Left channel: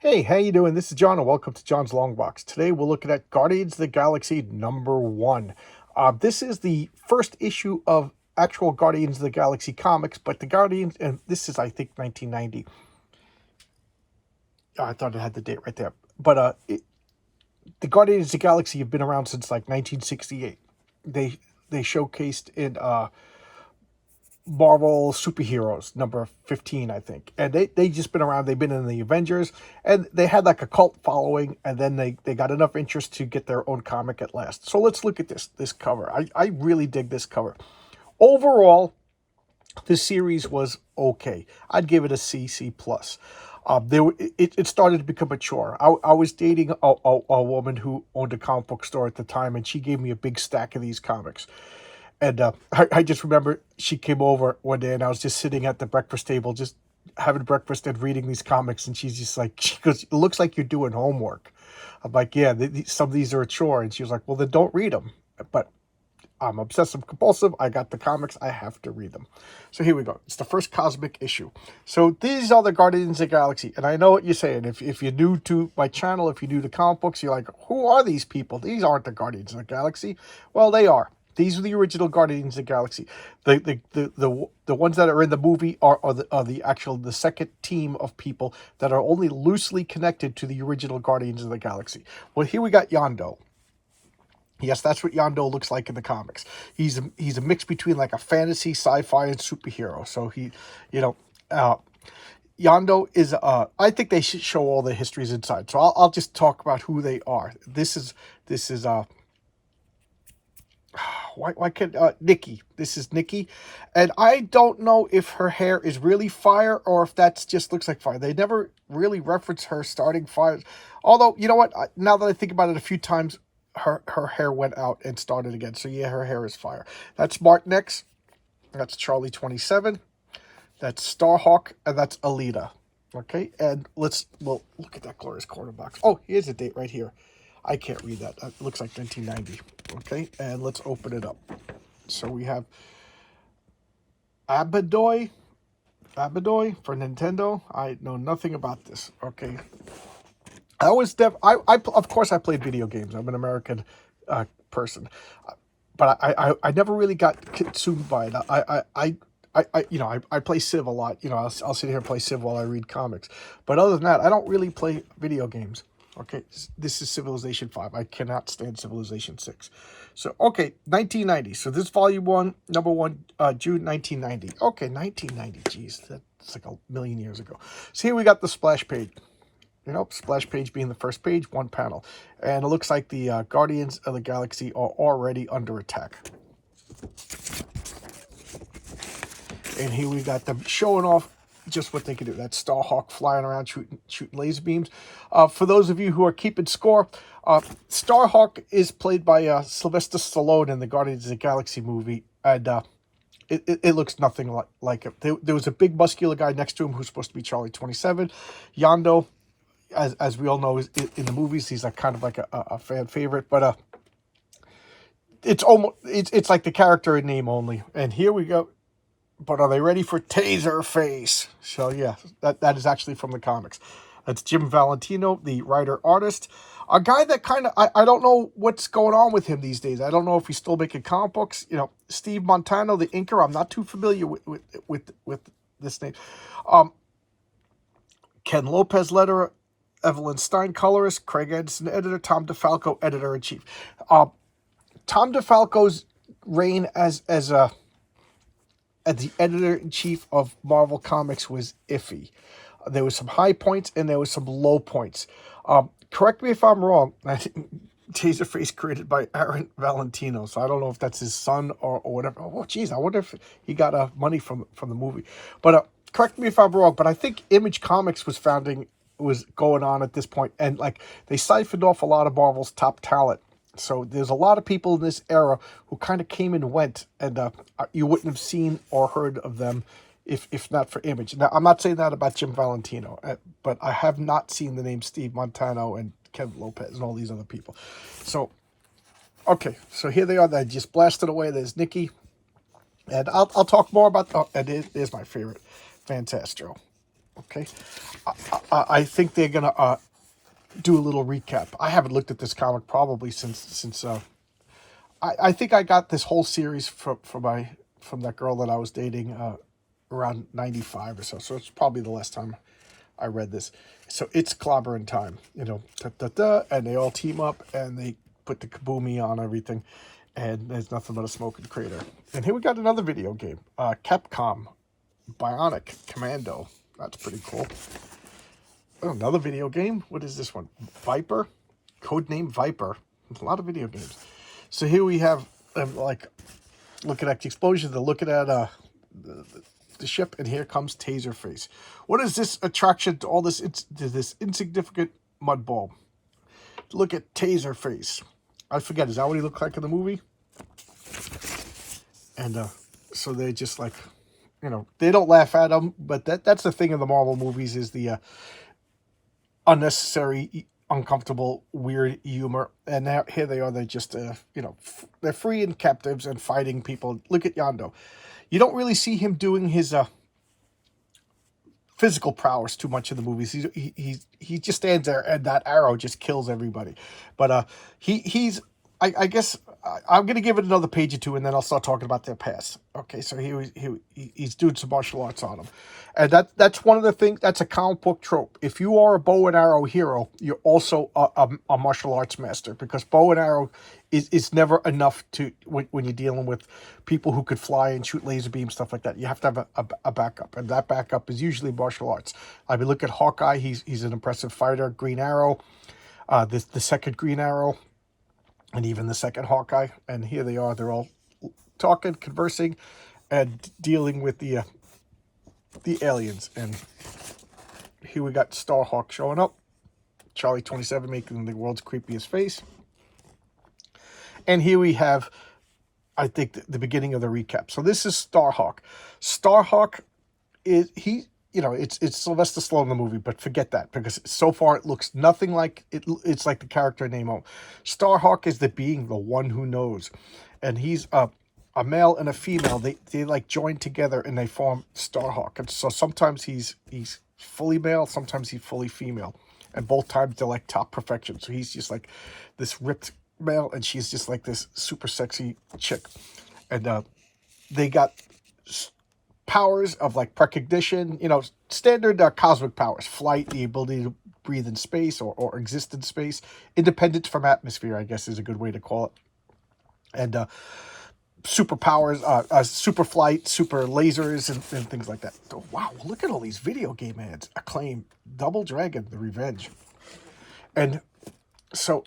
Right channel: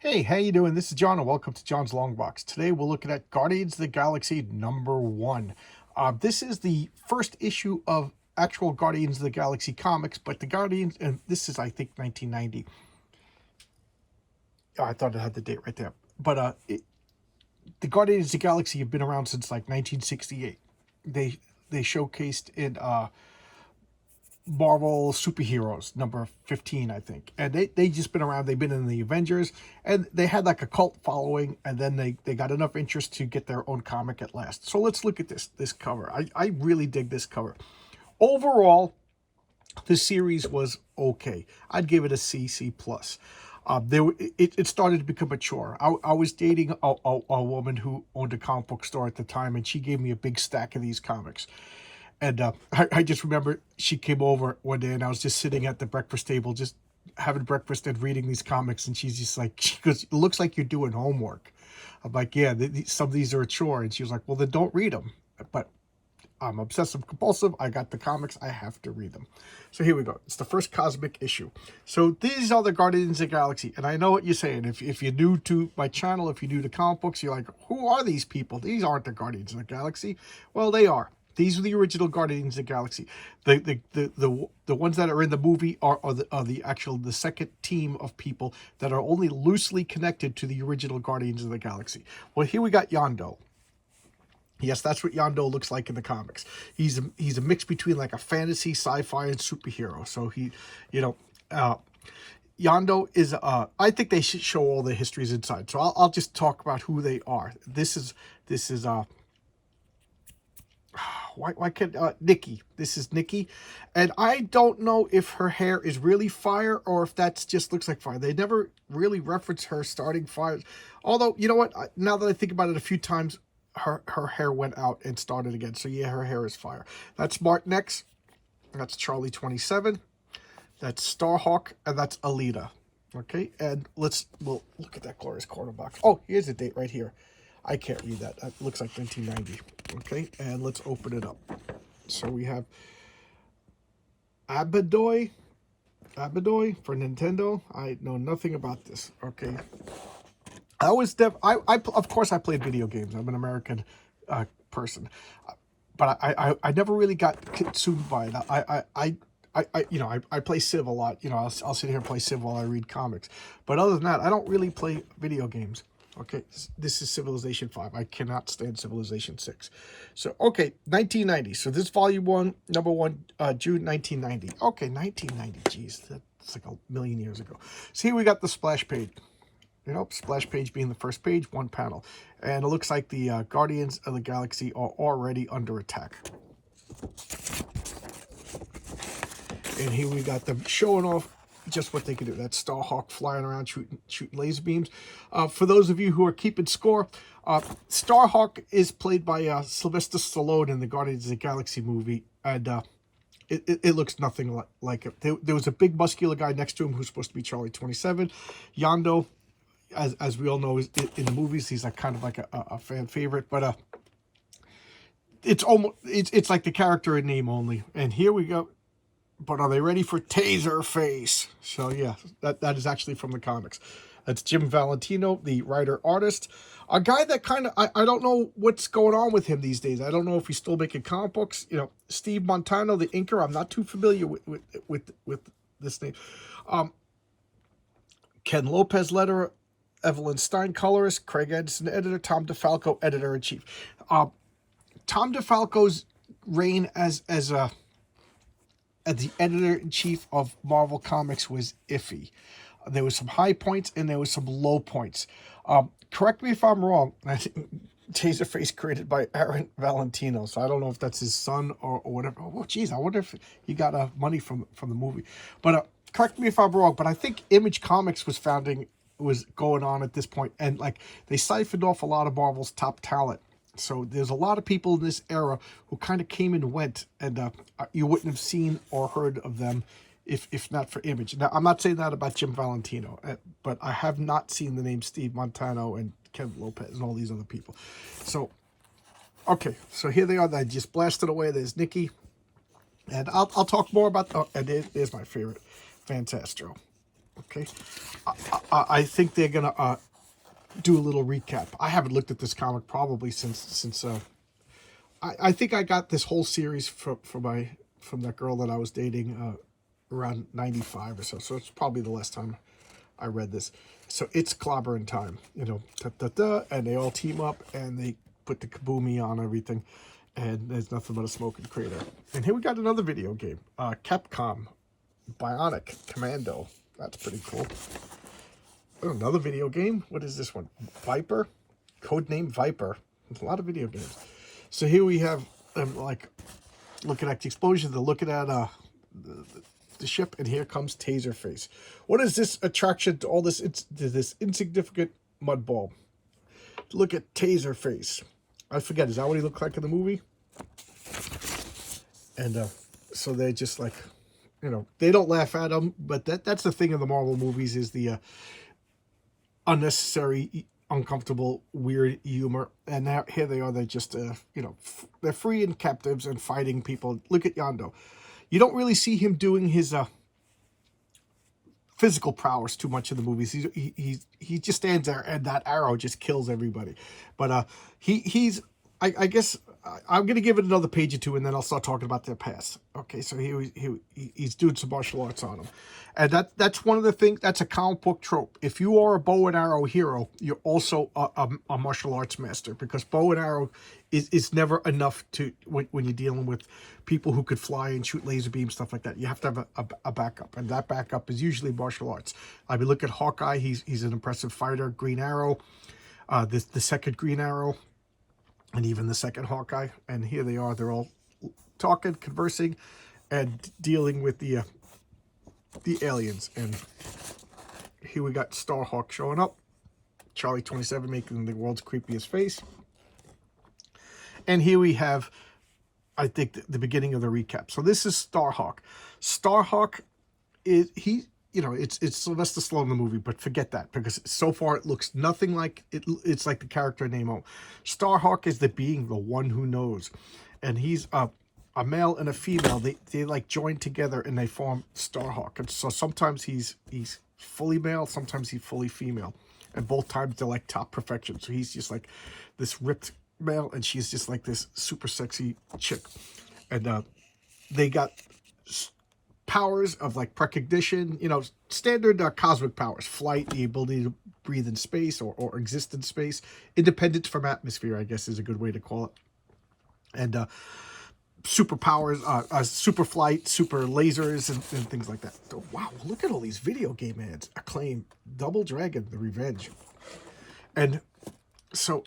Hey, how you doing? This is John, and welcome to John's Long Box. Today we're looking at Guardians of the Galaxy #1. This is the first issue of actual Guardians of the Galaxy comics, but the Guardians, and this is, I think, 1990. Oh, I thought it had the date right there. But the Guardians of the Galaxy have been around since like 1968. They showcased in Marvel Superheroes number 15, I think. And they just been around. They've been in the Avengers, and they had like a cult following, and then they got enough interest to get their own comic at last. So let's look at this cover. I really dig this cover. Overall, the series was okay. I'd give it a C plus. It started to become a chore. I was dating a woman who owned a comic book store at the time, and she gave me a big stack of these comics. And I just remember she came over one day, and I was just sitting at the breakfast table, just having breakfast and reading these comics. And she's just like, she goes, "It looks like you're doing homework." I'm like, "Yeah, some of these are a chore." And she was like, "Well, then don't read them." But I'm obsessive compulsive. I got the comics. I have to read them. So here we go. It's the first cosmic issue. So these are the Guardians of the Galaxy. And I know what you're saying. If you're new to my channel, if you're new to comic books, you're like, who are these people? These aren't the Guardians of the Galaxy. Well, they are. These are the original Guardians of the Galaxy. The ones that are in the movie are the second team of people that are only loosely connected to the original Guardians of the Galaxy. Well, here we got Yondu. Yes, that's what Yondu looks like in the comics. He's a mix between like a fantasy, sci-fi, and superhero. So Yondu is. I think they should show all the histories inside. So I'll just talk about who they are. This is why can't Nikki? This is Nikki, and I don't know if her hair is really fire or if that's just looks like fire. They never really reference her starting fires. Although, you know what? Now that I think about it a few times, her hair went out and started again. So yeah, her hair is fire. That's Mark Nex. That's Charlie 27. That's Starhawk, and that's Elita. Okay, and well, look at that glorious corner box. Oh, here's the date right here. I can't read that. It looks like 1990. Okay, and let's open it up. So we have Abadoy for Nintendo. I know nothing about this. Okay, of course I played video games. I'm an American person, but I never really got consumed by it. I play Civ a lot. I'll sit here and play Civ while I read comics. But other than that, I don't really play video games. Okay, this is Civilization 5. I cannot stand Civilization 6. So, okay, 1990. So this volume 1, number 1, June 1990. Okay, 1990. Geez, that's like a million years ago. So here we got the splash page. Splash page being the first page, one panel. And it looks like the Guardians of the Galaxy are already under attack. And here we got them showing off just what they can do. That's Starhawk flying around shooting laser beams. For those of you who are keeping score, Starhawk is played by Sylvester Stallone in the Guardians of the Galaxy movie. And it looks nothing like it. There was a big muscular guy next to him who's supposed to be Charlie 27. Yondu, as we all know, is in the movies, he's like kind of like a fan favorite. But it's like the character in name only. And here we go. But are they ready for Taserface? So yeah, that is actually from the comics. That's Jim Valentino, the writer-artist. A guy that kind of, I don't know what's going on with him these days. I don't know if he's still making comic books. Steve Montano, the inker, I'm not too familiar with this name. Ken Lopez, letterer. Evelyn Stein, colorist. Craig Edison, editor. Tom DeFalco, editor-in-chief. Tom DeFalco's reign as the editor-in-chief of Marvel Comics was iffy. There was some high points and there was some low points. Correct me if I'm wrong. I think Taserface created by Aaron Valentino, so I don't know if that's his son or whatever. Oh, geez, I wonder if he got money from the movie. But correct me if I'm wrong, but I think Image Comics was going on at this point, and like they siphoned off a lot of Marvel's top talent. So there's a lot of people in this era who kind of came and went, and you wouldn't have seen or heard of them if not for Image. Now, I'm not saying that about Jim Valentino, but I have not seen the name Steve Montano and Ken Lopez and all these other people. So, okay, so here they are. They just blasted away. There's Nikki, and I'll talk more about. Oh, and there's my favorite, Fantastro. Okay, I think they're gonna do a little recap. I haven't looked at this comic probably since I think I got this whole series from that girl that I was dating around 95 or so. So it's probably the last time I read this. So it's clobbering time, you know, and they all team up and they put the kaboomy on everything, and there's nothing but a smoking crater. And here we got another video game, Capcom Bionic Commando. That's pretty cool. Oh, another video game. What is this one? Viper, codename Viper. There's a lot of video games. So here we have like looking at the explosion. They're looking at the ship, and here comes Taserface. What is this attraction to all this? It's this insignificant mud ball. Look at Taserface. I forget. Is that what he looked like in the movie? And so they're just like, you know, they don't laugh at him, but that's the thing in the Marvel movies is the unnecessary, uncomfortable, weird humor. And now here they are. They're just, you know, they're freeing captives and fighting people. Look at Yondu. You don't really see him doing his physical prowess too much in the movies. He just stands there and that arrow just kills everybody. But he's I guess I'm going to give it another page or two, and then I'll start talking about their past. Okay, so he's doing some martial arts on him. And that's one of the things, that's a comic book trope. If you are a bow and arrow hero, you're also a martial arts master, because bow and arrow is never enough to when you're dealing with people who could fly and shoot laser beams, stuff like that. You have to have a backup, and that backup is usually martial arts. I mean, look at Hawkeye. He's an impressive fighter. Green Arrow, the second Green Arrow, and even the second Hawkeye. And here they are. They're all talking, conversing, and dealing with the aliens. And here we got Starhawk showing up. Charlie 27 making the world's creepiest face. And here we have, I think, the beginning of the recap. So this is Starhawk. Starhawk is, you know, it's Sylvester Stallone in the movie, but forget that, because so far it looks nothing like it. It's like the character name. Starhawk is the being, the one who knows, and he's a male and a female. They like join together and they form Starhawk. And so sometimes he's fully male, sometimes he's fully female, and both times they're like top perfection. So he's just like this ripped male, and she's just like this super sexy chick, and they got powers of like precognition, you know, standard cosmic powers, flight, the ability to breathe in space or exist in space, independent from atmosphere, I guess is a good way to call it. And superpowers, super flight, super lasers, and things like that. Oh, wow, look at all these video game ads. Acclaim, Double Dragon, The Revenge. And so,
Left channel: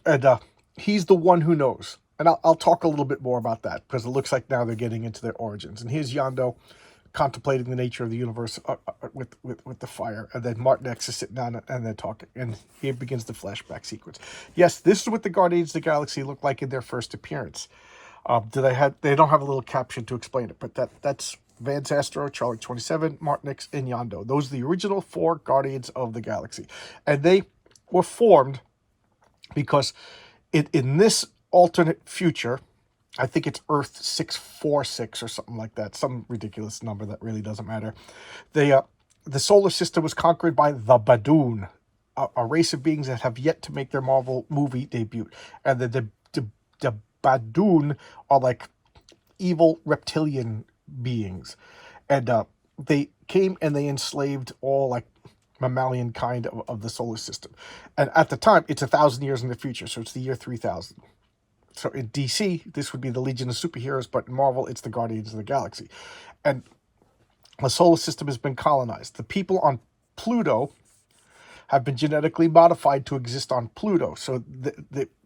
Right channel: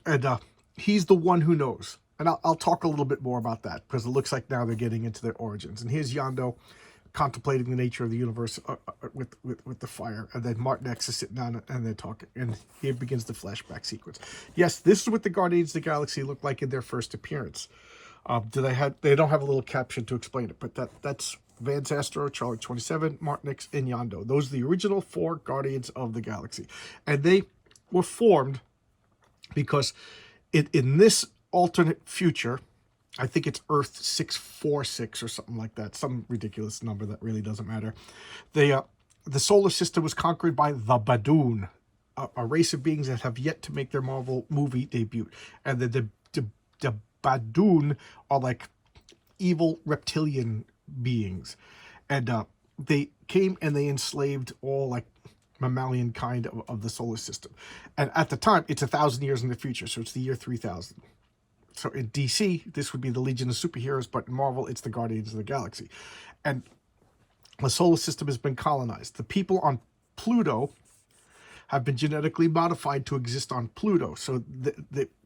he's the one who knows. And I'll talk a little bit more about that, because it looks like now they're getting into their origins. And here's Yondu contemplating the nature of the universe with the fire, and then Martin X is sitting down and they're talking, and here begins the flashback sequence. Yes, this is what the Guardians of the Galaxy looked like in their first appearance. They don't have a little caption to explain it, but that's Vance Astro, Charlie 27, Martin X, and Yondu. Those are the original 4 Guardians of the Galaxy, and they were formed because in this alternate future, I think it's Earth 646 or something like that, some ridiculous number that really doesn't matter. The solar system was conquered by the Badoon, a race of beings that have yet to make their Marvel movie debut. And the Badoon are like evil reptilian beings. And they came and they enslaved all like mammalian kind of the solar system. And at the time, it's 1,000 years in the future, so it's the year 3000. So in DC, this would be the Legion of Superheroes, but in Marvel, it's the Guardians of the Galaxy. And the solar system has been colonized. The people on Pluto have been genetically modified to exist on Pluto. So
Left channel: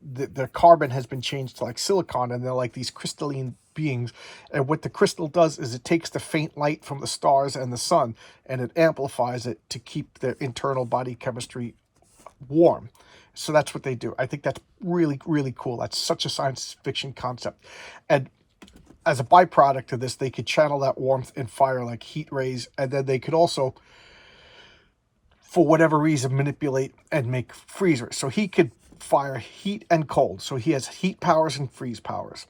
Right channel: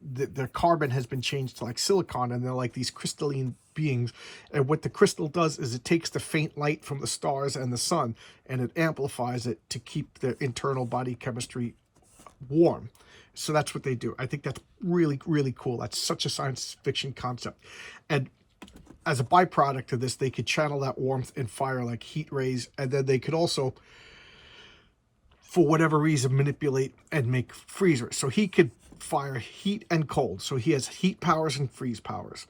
their carbon has been changed to like silicon, and they're like these crystalline beings. And what the crystal does is it takes the faint light from the stars and the sun, and it amplifies it to keep their internal body chemistry warm. So that's what they do. I think that's really, really cool. That's such a science fiction concept. And as a byproduct of this, they could channel that warmth and fire like heat rays. And then they could also, for whatever reason, manipulate and make freezers. So he could fire heat and cold. So he has heat powers and freeze powers.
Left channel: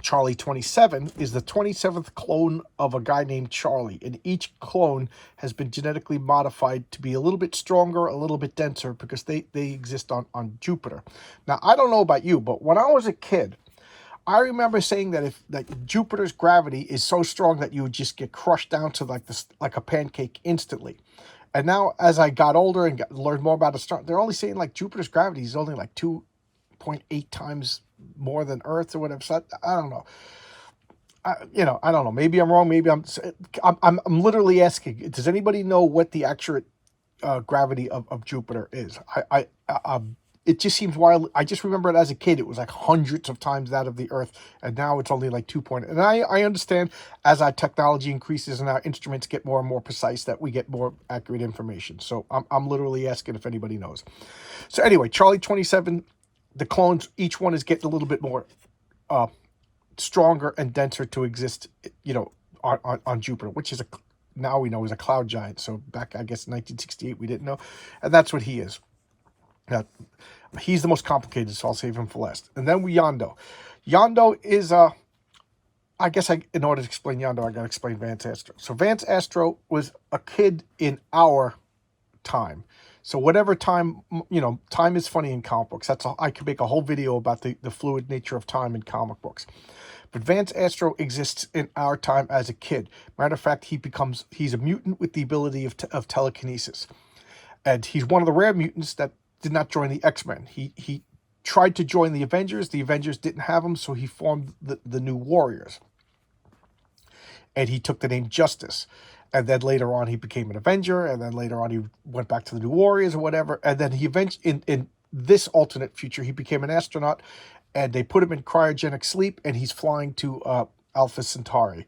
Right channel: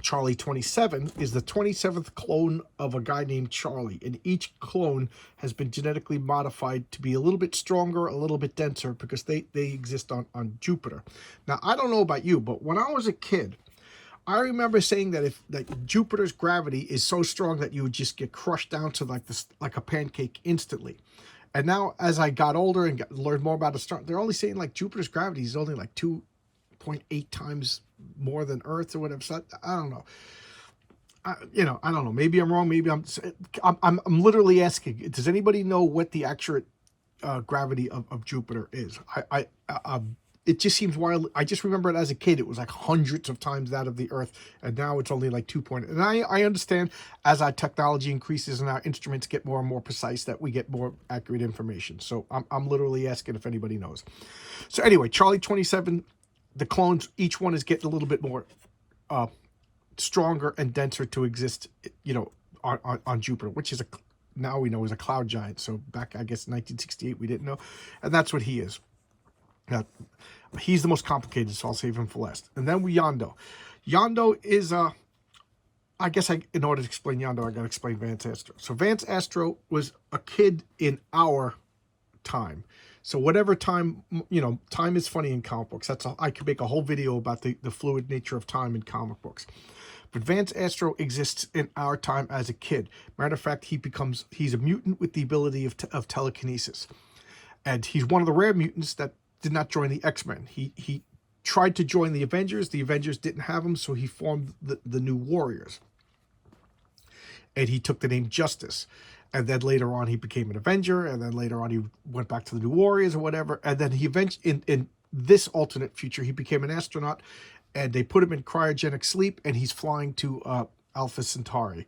Charlie 27 is the 27th clone of a guy named Charlie, and each clone has been genetically modified to be a little bit stronger, a little bit denser, because they exist on Jupiter. Now, I don't know about you, but when I was a kid, I remember saying that if like Jupiter's gravity is so strong that you would just get crushed down to like this, like a pancake instantly. And now, as I got older and learned more about astronomy, they're only saying like Jupiter's gravity is only like 2.8 times more than Earth or whatever. So I don't know. I don't know. Maybe I'm wrong. Maybe I'm literally asking. Does anybody know what the accurate gravity of Jupiter is? It just seems wild. I just remember it as a kid. It was like hundreds of times that of the Earth, and now it's only like 2 point. And I understand as our technology increases and our instruments get more and more precise that we get more accurate information. So I'm literally asking if anybody knows. So anyway, Charlie 27, the clones, each one is getting a little bit more stronger and denser to exist, on Jupiter, which is now we know is a cloud giant. So back, I guess, in 1968, we didn't know, and that's what he is. Now, he's the most complicated, so I'll save him for last. And then Yondu. Yondu is, I guess in order to explain Yondu, I got to explain Vance Astro. So Vance Astro was a kid in our time. So whatever time, time is funny in comic books. I could make a whole video about the fluid nature of time in comic books. But Vance Astro exists in our time as a kid. Matter of fact, he's a mutant with the ability of telekinesis. And he's one of the rare mutants that did not join the X-Men. He tried to join the Avengers. The Avengers didn't have him, so he formed the New Warriors. And he took the name Justice. And then later on, he became an Avenger. And then later on, he went back to the New Warriors or whatever. And then he eventually, in this alternate future, he became an astronaut. And they put him in cryogenic sleep. And he's flying to Alpha Centauri.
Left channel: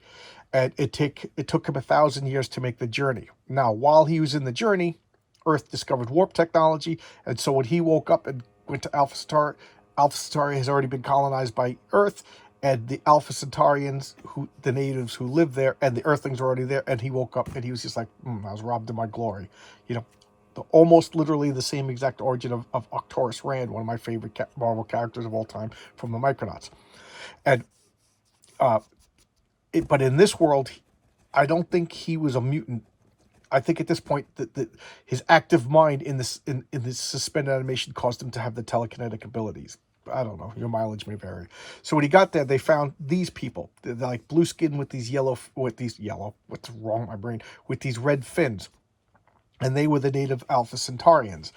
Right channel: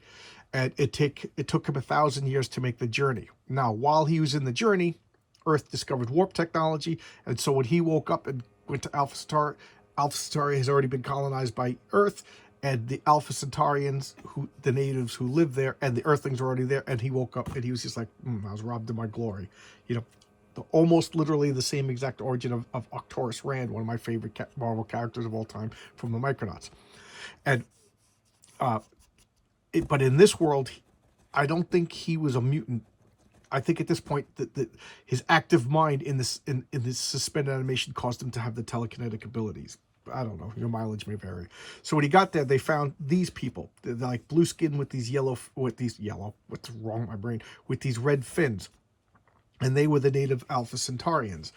And it took him 1,000 years to make the journey. Now, while he was in the journey, Earth discovered warp technology, and so when he woke up and went to Alpha Centauri has already been colonized by Earth, and the Alpha Centaurians, the natives who live there, and the Earthlings are already there, and he woke up and he was just like, I was robbed of my glory. Almost literally the same exact origin of Arcturus Rand, one of my favorite Marvel characters of all time from the Micronauts. And but in this world, I don't think he was a mutant. I think at this point that his active mind in this suspended animation caused him to have the telekinetic abilities. I don't know. Your mileage may vary. So when he got there, they found these people. They're like blue skin with these what's wrong with my brain? With these red fins. And they were the native Alpha Centaurians.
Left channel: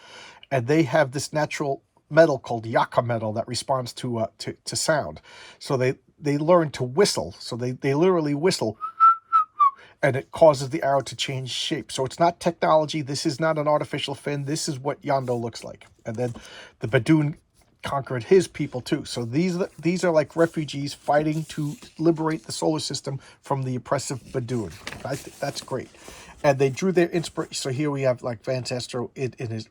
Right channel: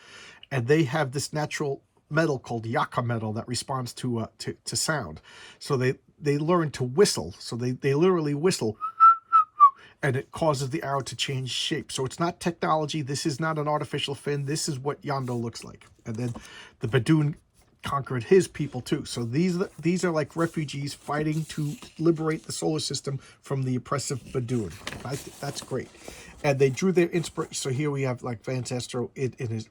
And they have this natural metal called Yaka metal that responds to sound. So they learn to whistle. So they literally whistle, and it causes the arrow to change shape. So it's not technology. This is not an artificial fin. This is what Yondu looks like. And then the Badoon conquered his people too. So these are like refugees fighting to liberate the solar system from the oppressive Badoon. I think that's great. And they drew their inspiration. So here we have like Vance Astro in his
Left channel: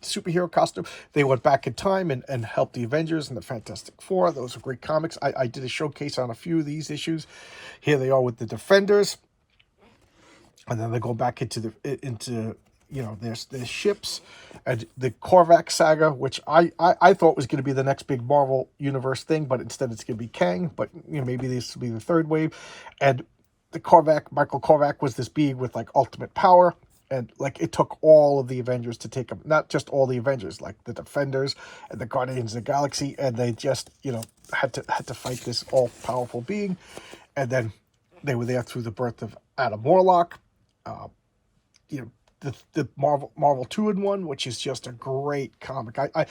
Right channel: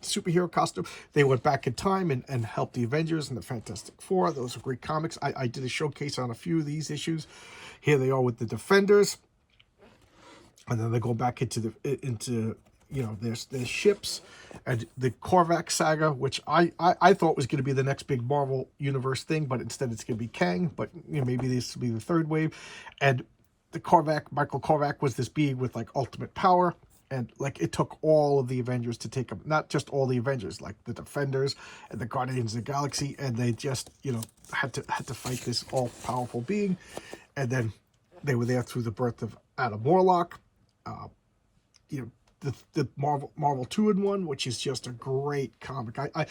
superhero costume. They went back in time and helped the Avengers and the Fantastic Four. Those are great comics. I did a showcase on a few of these issues. Here they are with the Defenders. And then they go back into their ships, and the Korvac saga, which I thought was going to be the next big Marvel universe thing, but instead it's going to be Kang. But maybe this will be the third wave. And the Michael Korvac was this being with like ultimate power, and like it took all of the Avengers to take him. Not just all the Avengers, like the Defenders and the Guardians of the Galaxy, and they just had to fight this all powerful being. And then they were there through the birth of Adam Warlock. The Marvel 2-in-1, which is just a great comic. I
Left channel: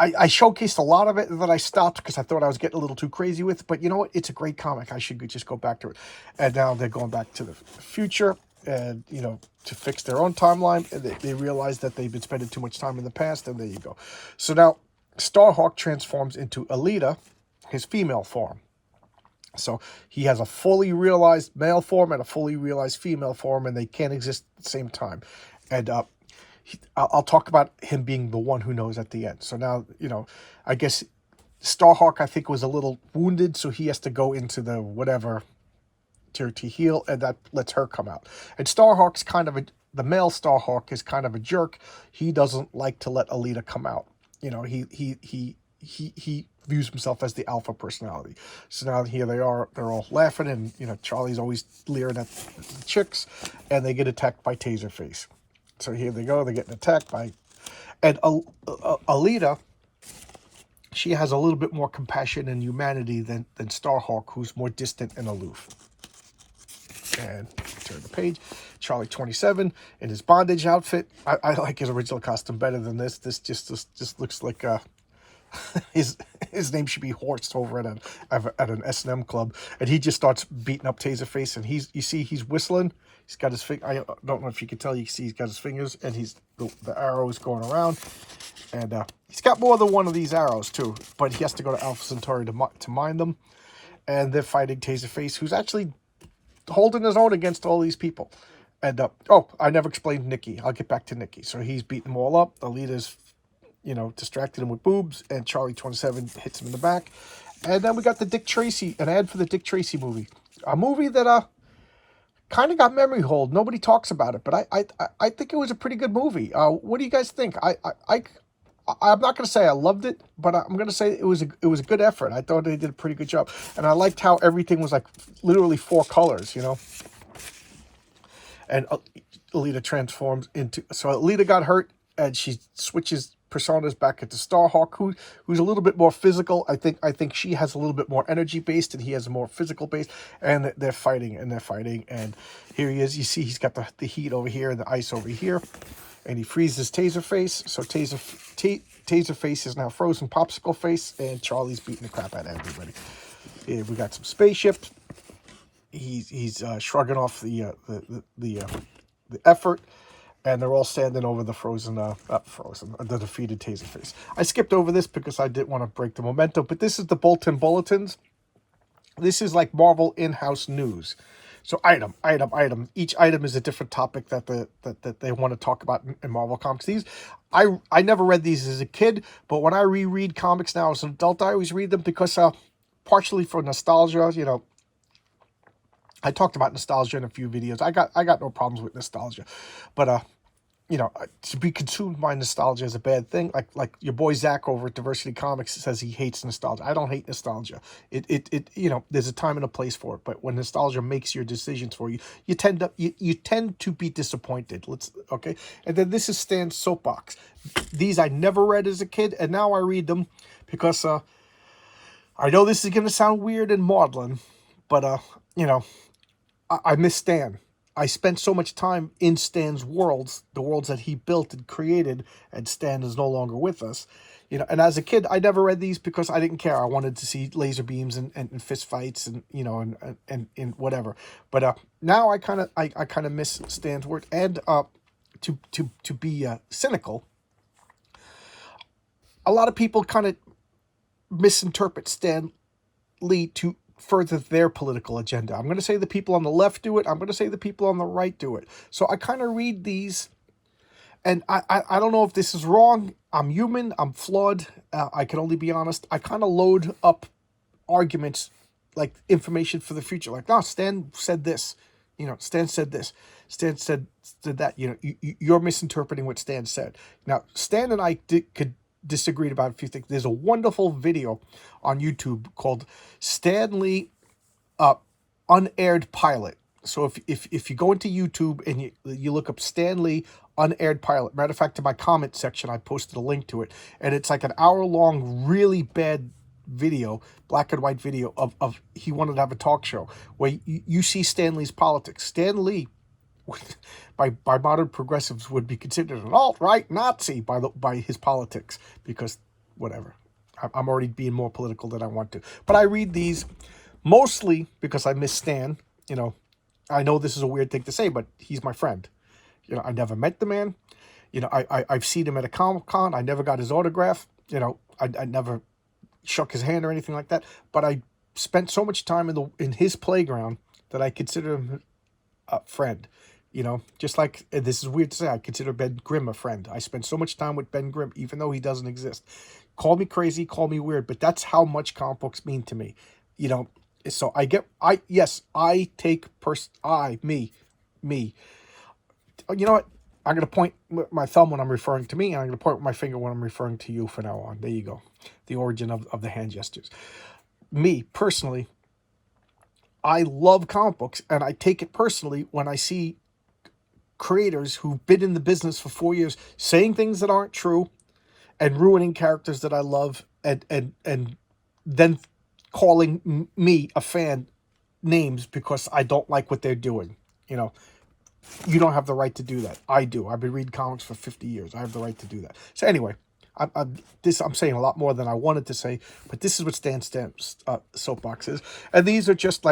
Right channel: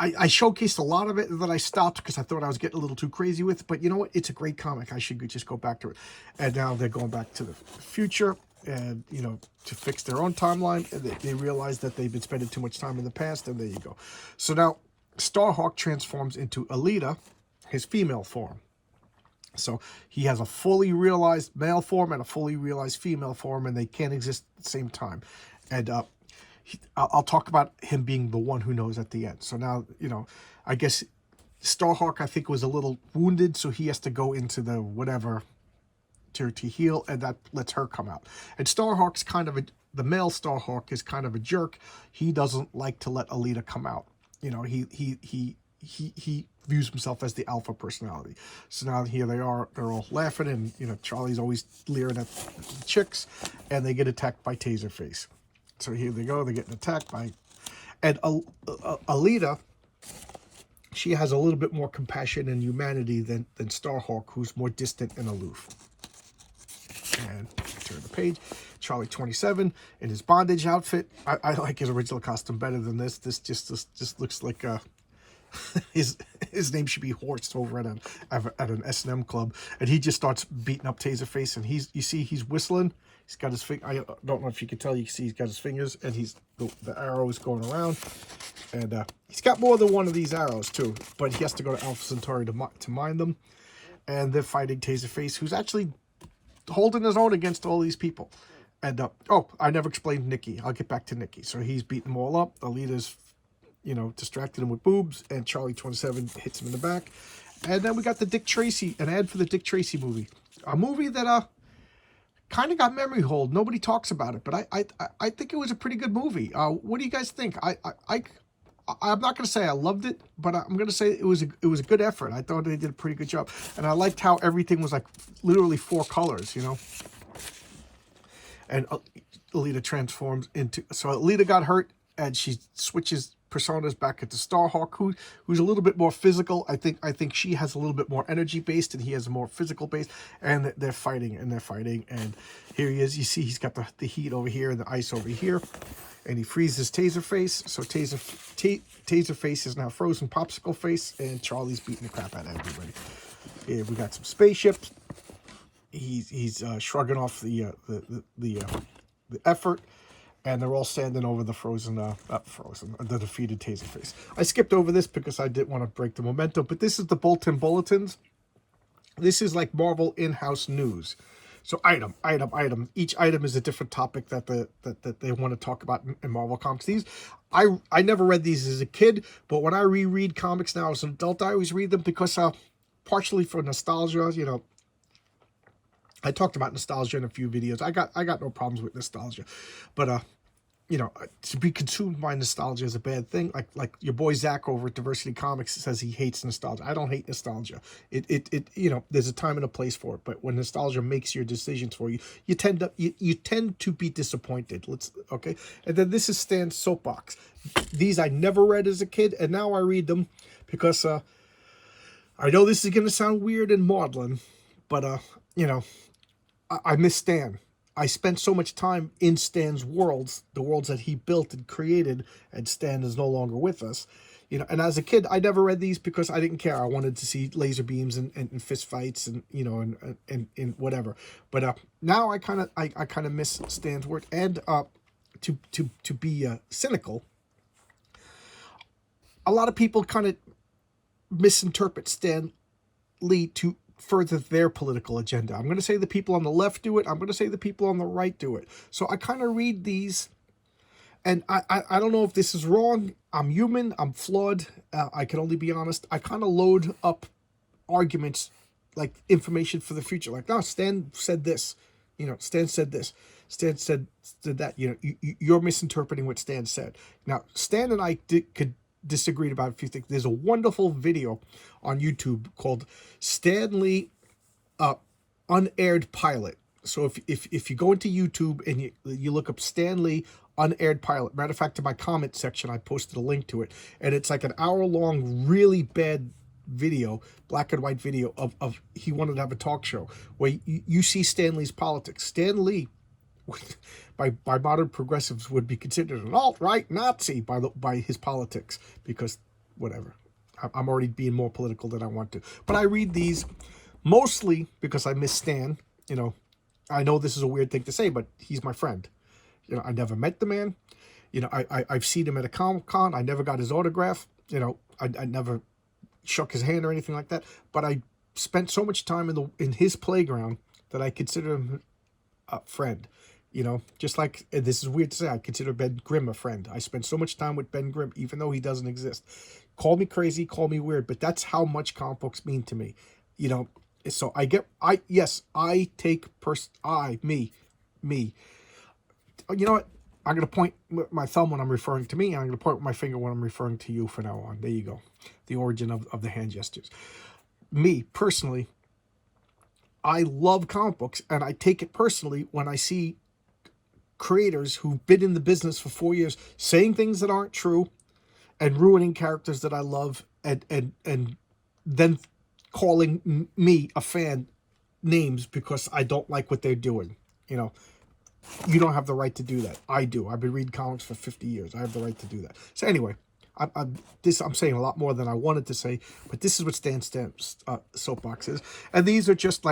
showcased a lot of it, and then I stopped because I thought I was getting a little too crazy with it. But you know what? It's a great comic. I should just go back to it. And now they're going back to the future, and to fix their own timeline. And they realize that they've been spending too much time in the past, and there you go. So now Starhawk transforms into Elita, his female form. So he has a fully realized male form and a fully realized female form, and they can't exist at the same time. And I'll talk about him being the one who knows at the end. So now, I guess Starhawk, I think, was a little wounded, so he has to go into the whatever to heal, and that lets her come out. And Starhawk's the male Starhawk is kind of a jerk. He doesn't like to let Elita come out. He views himself as the alpha personality. So now here they are, they're all laughing, and Charlie's always leering at the chicks, and they get attacked by Taserface. So here they go, they're getting attacked by, and Elita, she has a little bit more compassion and humanity than Starhawk, who's more distant and aloof. And turn the page. Charlie 27 in his bondage outfit. I like his original costume better than this. This just looks like his name should be Horst over at an S&M club, and he just starts beating up Taserface, and you see he's whistling. He's got his finger. I don't know if you can tell. You can see he's got his fingers, and the arrows going around, and he's got more than one of these arrows too. But he has to go to Alpha Centauri to mine them, and they're fighting Taserface, who's actually holding his own against all these people. And oh, I never explained Nikki. I'll get back to Nikki. So he's beating them all up. Alita's distracted him with boobs, and Charlie 27 hits him in the back. And then we got the Dick Tracy, an ad for the Dick Tracy movie, a movie that kind of got memory hold. Nobody talks about it, but I think it was a pretty good movie. What do you guys think? I'm not going to say I loved it, but I'm going to say it was a good effort. I thought they did a pretty good job, and I liked how everything was like literally 4 colors, And Elita transforms into, so Elita got hurt, and she switches personas back into Starhawk, who's a little bit more physical. I think she has a little bit more energy based, and he has a more physical based. And they're fighting, and here he is. You see, he's got the heat over here and the ice over here, and he freezes Taserface. So Taserface is now frozen popsicle face, and Charlie's beating the crap out of everybody. Here we got some spaceships. He's shrugging off the effort. And they're all standing over the the defeated Taserface. I skipped over this because I didn't want to break the momentum, but this is the Bolton Bulletins. This is like Marvel in-house news. So item. Each item is a different topic that they want to talk about in Marvel Comics. I never read these as a kid, but when I reread comics now as an adult, I always read them because partially for nostalgia, I talked about nostalgia in a few videos. I got no problems with nostalgia, but to be consumed by nostalgia is a bad thing. Like your boy Zach over at Diversity Comics says he hates nostalgia. I don't hate nostalgia. It there's a time and a place for it. But when nostalgia makes your decisions for you, you tend to be disappointed. Okay. And then this is Stan's soapbox. These I never read as a kid, and now I read them because I know this is gonna sound weird and maudlin, but I miss Stan. I spent so much time in Stan's worlds, the worlds that he built and created, and Stan is no longer with us. And as a kid, I never read these because I didn't care. I wanted to see laser beams and fist fights and and whatever. But now I kind of miss Stan's work. And to be cynical, a lot of people kind of misinterpret Stan Lee to further their political agenda. I'm going to say the people on the left do it. I'm going to say the people on the right do it. So I kind of read these, and I don't know if this is wrong. I'm human. I'm flawed. I can only be honest. I kind of load up arguments, like information for the future. Like, no, Stan said this. Stan said this. Stan said that. You're misinterpreting what Stan said. Now, Stan and I could disagreed about a few things. There's a wonderful video on YouTube called Stan Lee Unaired Pilot. So if you go into YouTube and you look up Stan Lee Unaired Pilot, matter of fact, in my comment section I posted a link to it, and it's like an hour-long, really bad video, black and white video of he wanted to have a talk show where you see Stan Lee's politics. Stan Lee, by modern progressives, would be considered an alt-right Nazi by his politics, because whatever. I'm already being more political than I want to. But I read these mostly because I miss Stan. I know this is a weird thing to say, but he's my friend. I never met the man. I've seen him at a Comic-Con. I never got his autograph. I never shook his hand or anything like that. But I spent so much time in his playground that I consider him a friend. Just like, this is weird to say, I consider Ben Grimm a friend. I spend so much time with Ben Grimm, even though he doesn't exist. Call me crazy, call me weird, but that's how much comic books mean to me. So I take me. You know what? I'm going to point my thumb when I'm referring to me, and I'm going to point with my finger when I'm referring to you from now on. There you go. The origin of the hand gestures. Me, personally, I love comic books, and I take it personally when I see creators who've been in the business for 4 years saying things that aren't true and ruining characters that I love, and then calling me, a fan, names because I don't like what they're doing. You know, you don't have the right to do that. I do. I've been reading comics for 50 years. I have the right to do that. So anyway, I'm saying a lot more than I wanted to say, but this is what Stan Stamp's soapbox is. And these are just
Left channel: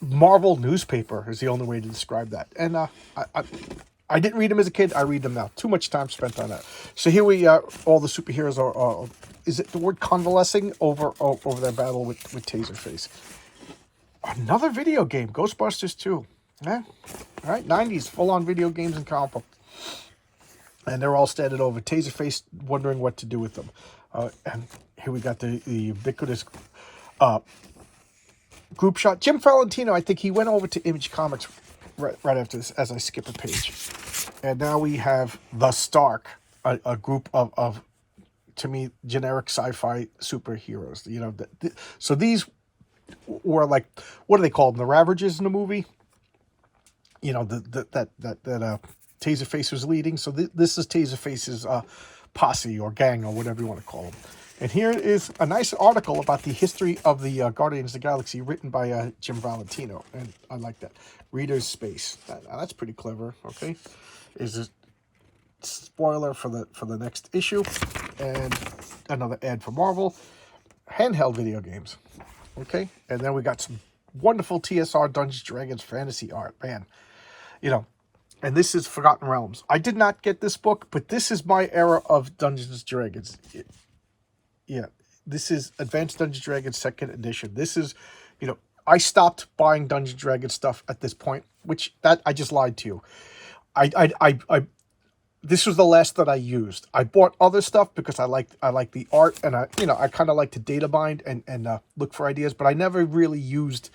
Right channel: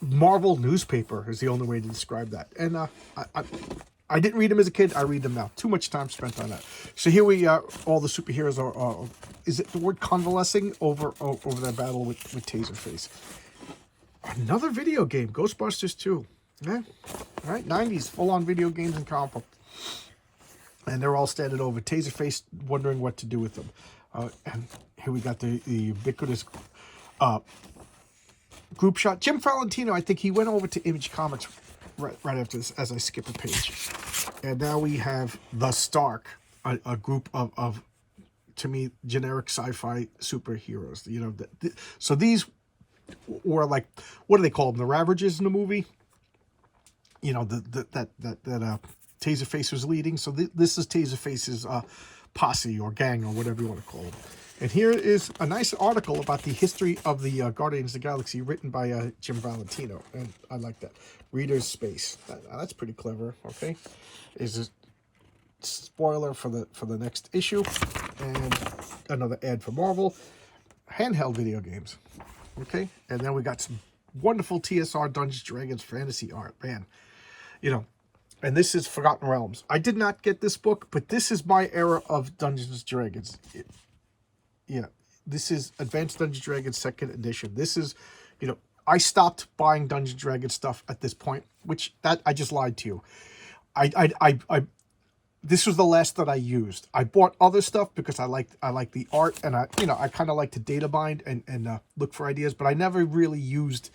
Marvel newspaper is the only way to describe that. And I didn't read them as a kid. I read them now. Too much time spent on that. So here we are. All the superheroes are is it the word convalescing over their battle with Taserface. Another video game, Ghostbusters 2. Yeah. All right, 90s, full-on video games and comic book. And they're all standing over Taserface, wondering what to do with them. And here we got the ubiquitous group shot. Jim Valentino, I think he went over to Image Comics right after this, as I skip a page. And now we have the Stark, a group of to me, generic sci-fi superheroes. You know, so these were like, what do they call them? The Ravagers in the movie. You know, that Taserface was leading. So this is Taserface's posse or gang or whatever you want to call them. And here is a nice article about the history of the Guardians of the Galaxy, written by Jim Valentino. And I like that. Reader's Space. That's pretty clever. Okay, is a spoiler for the next issue, and another ad for Marvel. Handheld video games. Okay, and then we got some wonderful TSR Dungeons Dragons fantasy art. Man, you know, and this is Forgotten Realms. I did not get this book, but this is my era of Dungeons Dragons. Yeah, this is Advanced Dungeons Dragons 2nd edition. This is, you know, I stopped buying Dungeons Dragons stuff at this point, which I just lied to you. I this was the last that I used. I bought other stuff because I like the art, and I kind of like to data bind and look for ideas, but I never really used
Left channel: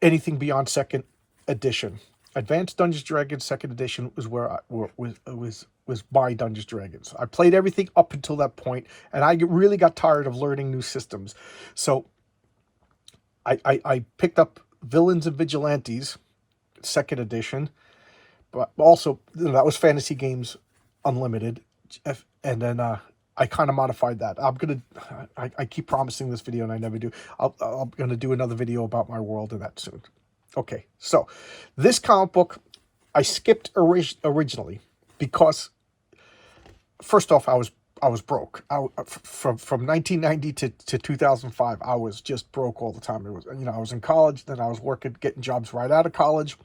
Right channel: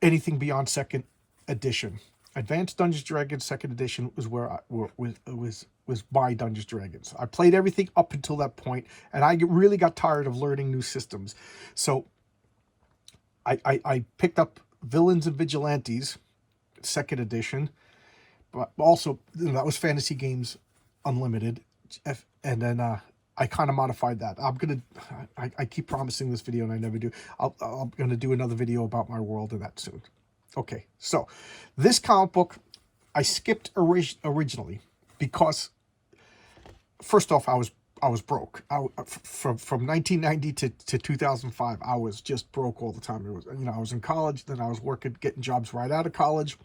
anything beyond 2nd edition. Advanced Dungeons Dragons 2nd edition was where was my Dungeons Dragons. I played everything up until that point, and I really got tired of learning new systems. So I picked up Villains and Vigilantes 2nd edition, but also, you know, that was Fantasy Games Unlimited, and then I kind of modified that. I keep promising this video and I never do. I'm gonna do another video about my world of that soon. Okay, so this comic book I skipped originally because, first off, I was broke. From 1990 to 2005, I was just broke all the time. It was, you know, I was in college, then I was working, getting jobs right out of college.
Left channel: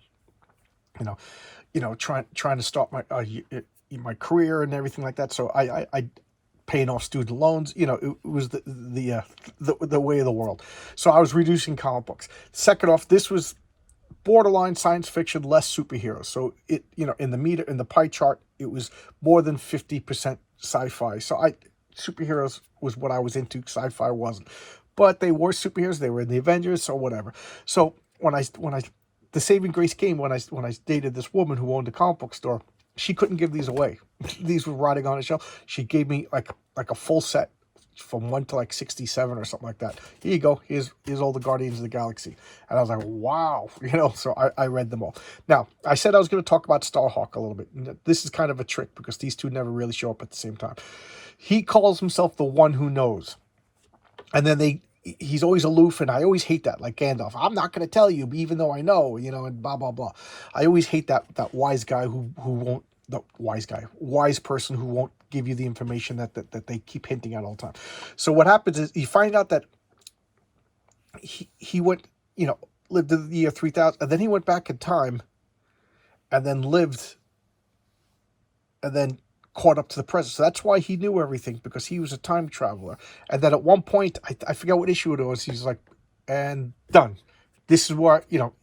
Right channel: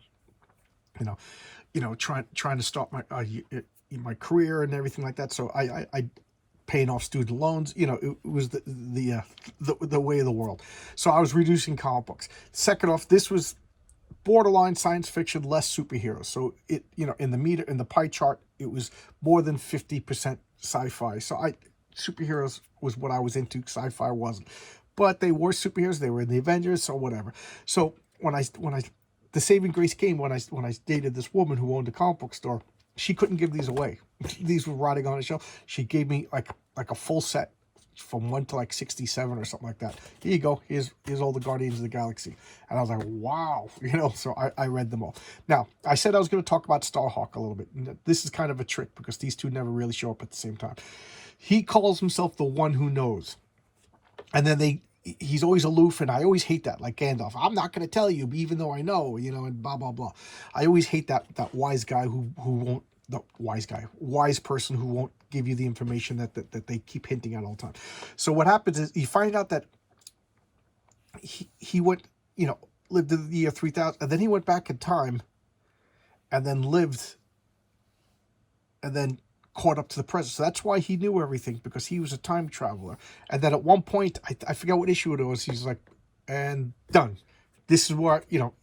You know, trying to start my career and everything like that. So I paying off student loans. You know, it was the way of the world. So I was reducing comic books. Second off, this was borderline science fiction, less superheroes. So it, you know, in the pie chart, it was more than 50% sci-fi. So superheroes was what I was into. Sci-fi wasn't, but they were superheroes. They were in the Avengers or whatever. So when the saving grace came when I dated this woman who owned a comic book store. She couldn't give these away. These were rotting on a shelf. She gave me like a full set from 1 to like 67 or something like that. Here you go. Here's all the Guardians of the Galaxy. And I was like, wow. You know, so I read them all. Now, I said I was going to talk about Starhawk a little bit. This is kind of a trick because these two never really show up at the same time. He calls himself the one who knows. And then he's always aloof, and I always hate that, like Gandalf. I'm not going to tell you, even though I know, you know, and blah, blah, blah. I always hate that wise guy who won't, wise person who won't give you the information that they keep hinting at all the time. So what happens is you find out that he went, you know, lived in the year 3000, and then he went back in time and then lived and then caught up to the present. So that's why he knew everything, because he was a time traveler. And then at one point, I forget what issue it was, he's like, and done. This is where, you know,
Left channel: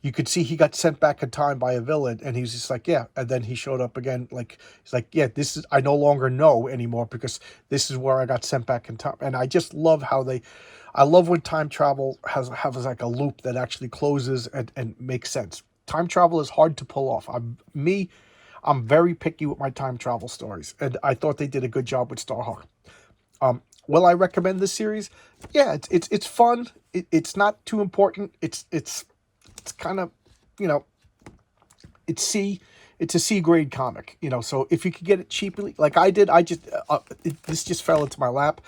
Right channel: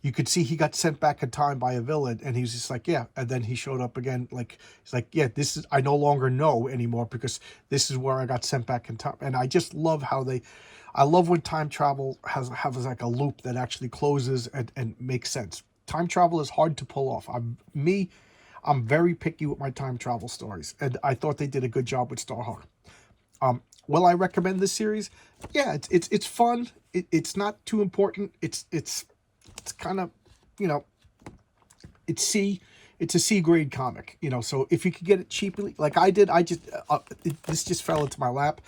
you could see he got sent back in time by a villain, and he was just like, yeah. And then he showed up again, like, he's like, yeah, this is, I no longer know anymore because this is where I got sent back in time. And I just love how I love when time travel has like a loop that actually closes and makes sense. time travel is hard to pull off. I'm very picky with my time travel stories, and I thought they did a good job with Starhawk. Will I recommend this series? Yeah, it's fun. It's not too important. It's kind of, you know, it's a C grade comic, you know. So if you could get it cheaply, like I did, this just fell into my lap,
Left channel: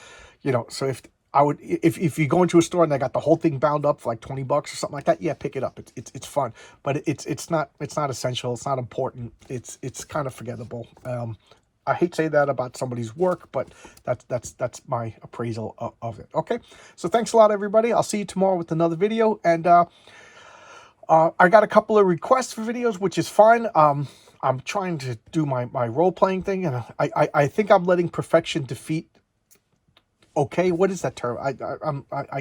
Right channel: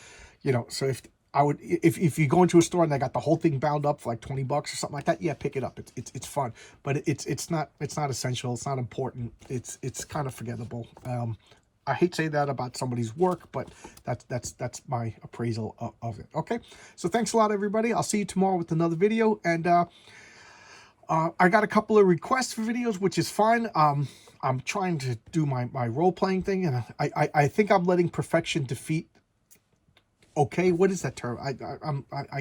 you know. So if you go into a store and they got the whole thing bound up for like $20 or something like that, yeah, pick it up. It's fun, but it's not essential. It's not important. It's kind of forgettable. I hate to say that about somebody's work, but that's my appraisal of it. Okay, so thanks a lot, everybody. I'll see you tomorrow with another video, and I got a couple of requests for videos, which is fine. I'm trying to do my role-playing thing, and I think I'm letting perfection defeat. Okay, what is that term? I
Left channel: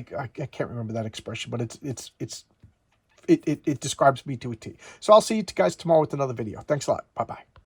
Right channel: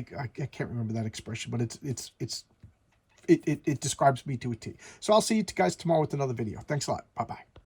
can't remember that expression, but it describes me to a T. So I'll see you guys tomorrow with another video. Thanks a lot. Bye bye.